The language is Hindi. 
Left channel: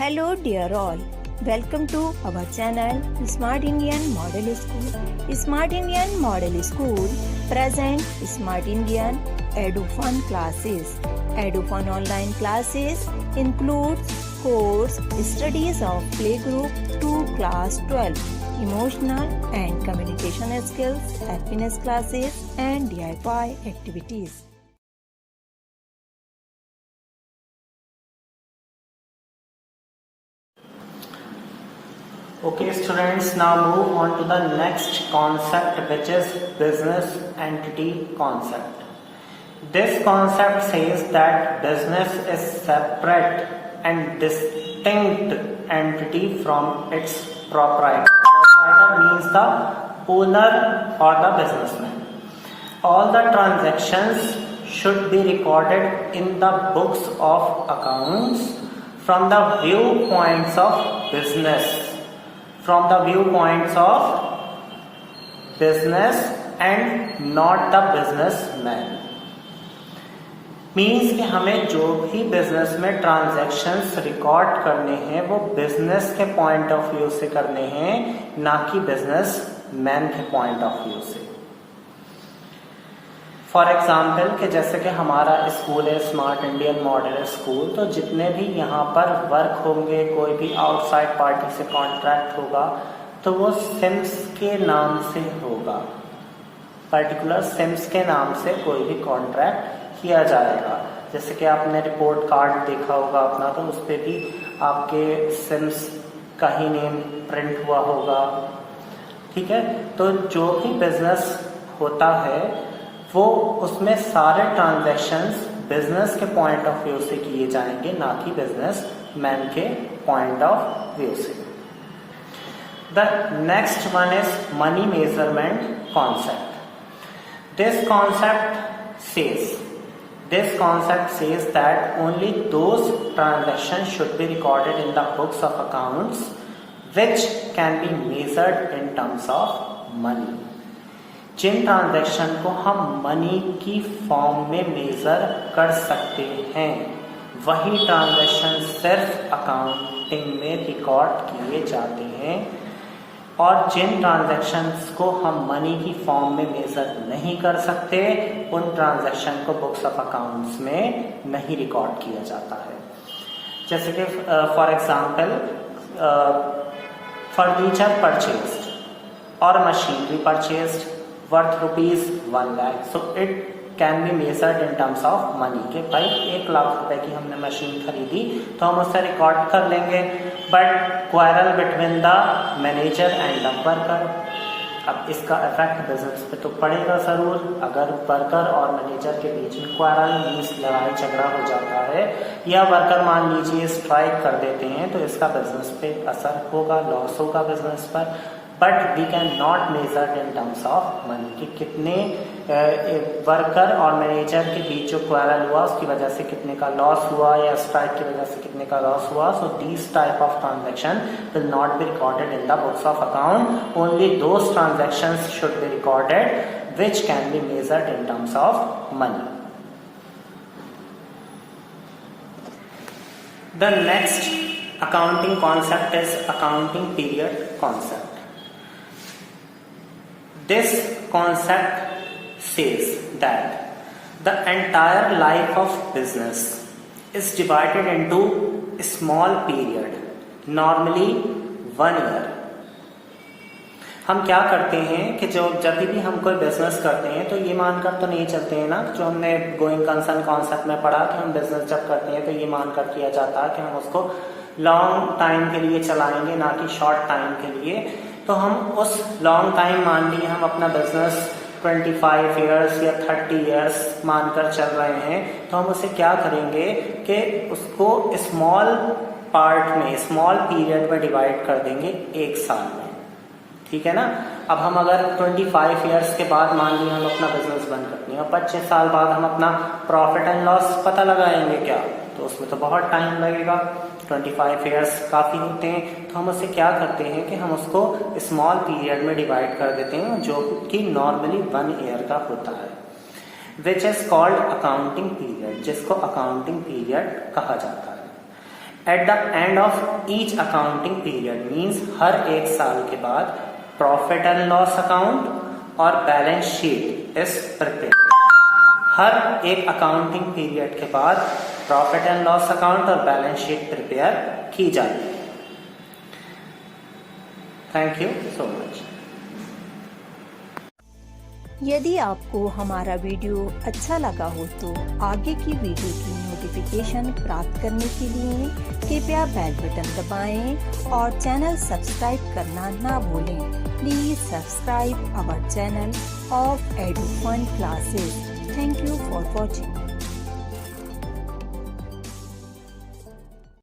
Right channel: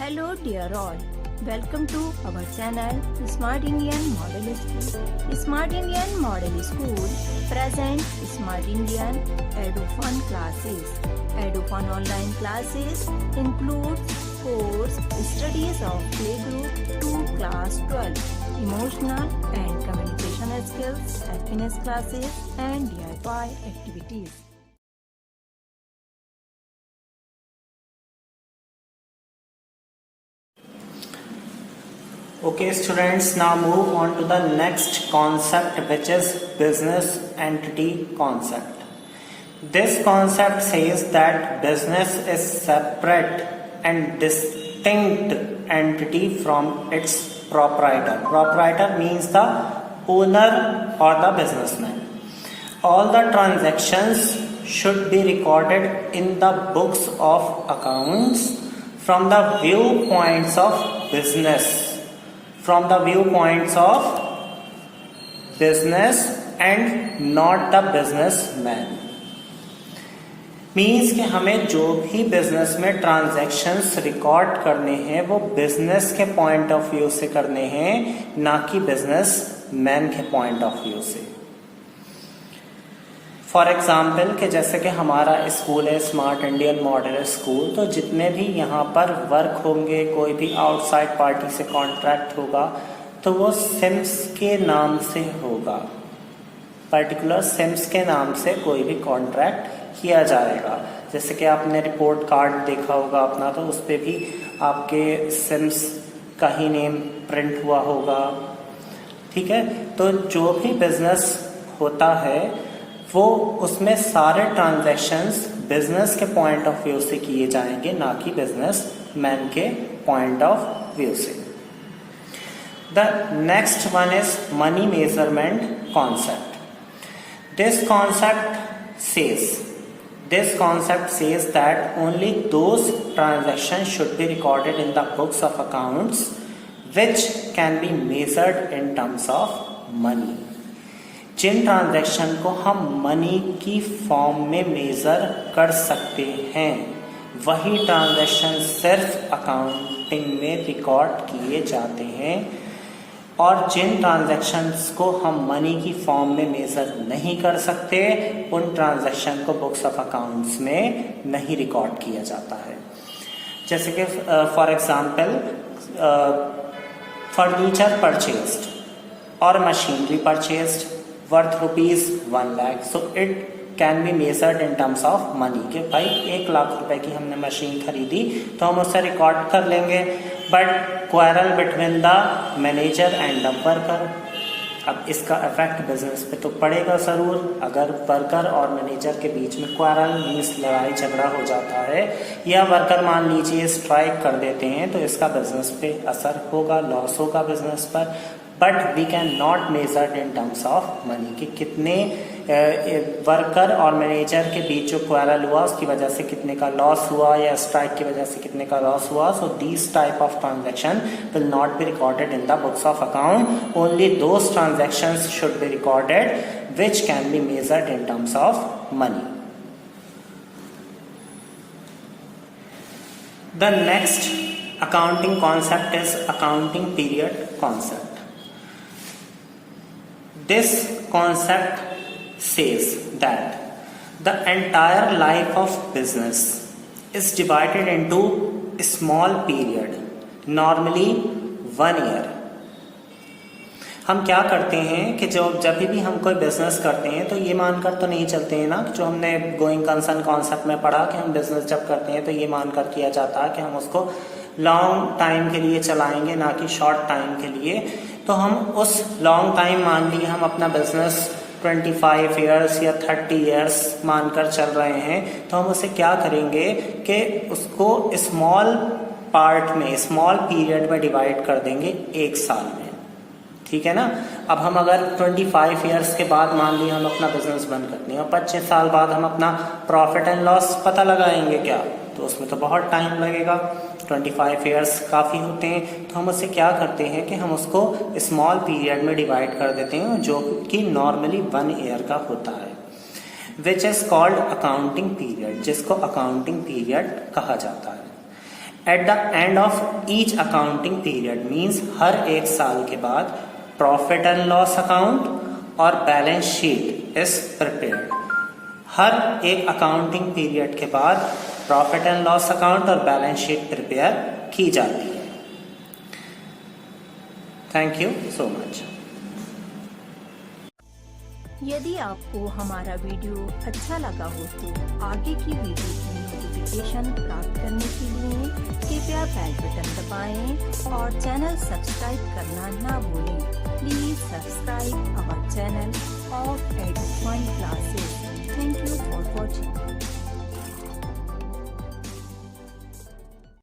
Hello dear all, welcome to our channel Smart Indian Model School. Smart Indian Model School present Smart Indian EduFun classes. EduFun online classes includes course studies of playgroup to class 12, emotional and communication skills, happiness classes and DIY activities. Okay students, now move on to the next concept, which is business entity concept. This concept says that business is separate and distinct entity from its proprietor. Proprietor means the owner or the businessman. All the transactions should be recorded in the books of accounts from the viewpoints of business. From the viewpoints of business and not the businessman. Means कि हमें जो भी बिजनेस में ट्रांजैक्शंस रिकॉर्ड करने हैं वो बिजनेस के पॉइंट ऑफ व्यू से करने हैं, ना कि बिजनेस मैन के पॉइंट ऑफ व्यू से. फॉर एग्जाम्पल कि जैसे कि हमारा स्कूल है स्मार्ट इंडियन मॉडल स्कूल, तो जितने भी यहाँ पर वर्क होंगे, कोई भी आउटसाइड पार्टी से कॉन्ट्रैक्ट होगा तो वो सिम्स के नाम से होगा. पर्टिकुलर सिम्स के नाम से कोई भी कॉन्ट्रैक्ट किया जाएगा. जैसे कि आपने रिपोर्ट कार्ड देखा होगा अपना, तो उस पर भी आपके सिम्स का ही नेम प्रिंट हुआ होगा. ठीक है, तो जो भी बिजनेस होता है वो उसमें सारे ट्रांजैक्शंस बिजनेस के पॉइंट ऑफ व्यू से किए जाएंगे, ना कि बिजनेस मैन के पॉइंट ऑफ व्यू से. The next one is money measurement concept. This concept says that only those transactions should be recorded in the books of accounts which can be measured in terms of money. जिन ट्रांजैक्शन को हम मनी की फॉर्म में मेजर कर सकते हैं वही ट्रांजैक्शन सिर्फ अकाउंटिंग में रिकॉर्ड किए जाते हैं, और जिन ट्रांजैक्शंस को हम मनी की फॉर्म में मेजर नहीं कर सकते उन ट्रांजैक्शन को बुक्स ऑफ अकाउंट्स में नहीं रिकॉर्ड किया जाता है. जैसे कि फॉर एग्जांपल फर्नीचर परचेज्ड और machinery purchased worth rupees 1 lakh, so it can be measured in terms of money. कि भाई 1 लाख रुपए की हमने मशीन खरीदी तो हम उसे रिकॉर्ड कर लेंगे. But quarrel between the manager and the worker, अब इसका इफेक्ट बिजनेस पे तो पड़ेगा जरूर. अगर वर्कर और मैनेजर के बीच में क्वारल मीन्स लड़ाई झगड़ा हो जाता है, या वर्कर मान लीजिए स्ट्राइक कर देते हैं, तो इसका बिजनेस पे असर होगा, लॉस होगा बिजनेस पर. But we can not measure in terms of money कि कितने वर्कर और मैनेजर के बीच जो क्वारल हुआ उसकी वजह से कितने का लॉस हुआ, या स्ट्राइक की वजह से कितने का लॉस हुआ. So these type of transaction will not be recorded in the books of account. Only those transactions should be recorded which can be measured in terms of money. The next accounting concept is accounting period concept. This concept says that the entire life of business is divided into a small period, normally 1 year. हम क्या करते हैं कि जब भी हम कोई बिजनेस करते हैं तो ये मानकर तो नहीं चलते हैं ना, जो हमने गोइंग कंसर्न कॉन्सेप्ट में पढ़ा कि हम बिजनेस जब करते हैं तो ये मानकर किया जाता है कि हम उसको लॉन्ग टाइम के लिए चलाएंगे, ना कि शॉर्ट टाइम के लिए. तो हम उस लॉन्ग टाइम मान लिए हम अपना बिजनेस 25 ईयर्स या 30 ईयर्स मानकर चल रहे हैं, तो हम उसे क्या करेंगे कि उसको स्मॉल पार्ट में, स्मॉल पीरियड में डिवाइड कर देंगे 1 साल में. ठीक है ना. अब हम अगर 25 ईयर्स के बाद मान लिया हम अपना बिजनेस बंद करते हैं और 25 साल बाद हम अपना प्रॉफिट एंड लॉस पता लगाएंगे क्या, तो उसमें तो बहुत टाइम लगेगा. 25 ईयर्स काफ़ी होते हैं, तो हम उससे क्या करते हैं कि हम उसको स्मॉल पीरियड में डिवाइड कर देते हैं जो कि नॉर्मली 1 ईयर का होता है, which is called accounting period, जिसको अकाउंटिंग पीरियड कहा जाता है. At the end of each accounting period means हर एक साल के बाद प्रॉफिट एंड लॉस अकाउंट और बैलेंस शीट इज प्रिपेयर्ड। हर एक अकाउंटिंग पीरियड के बाद प्रॉफिट एंड लॉस अकाउंट और बैलेंस शीट प्रिपेयर की जाती है। Thank you so much. यदि आपको हमारा वीडियो अच्छा लगा हो तो आगे की वीडियो की नोटिफिकेशन प्राप्त करने के लिए कृपया बेल बटन दबाएं और चैनल सब्सक्राइब करना ना भूलें। Please subscribe our channel of Edufun classes. Thank you for watching.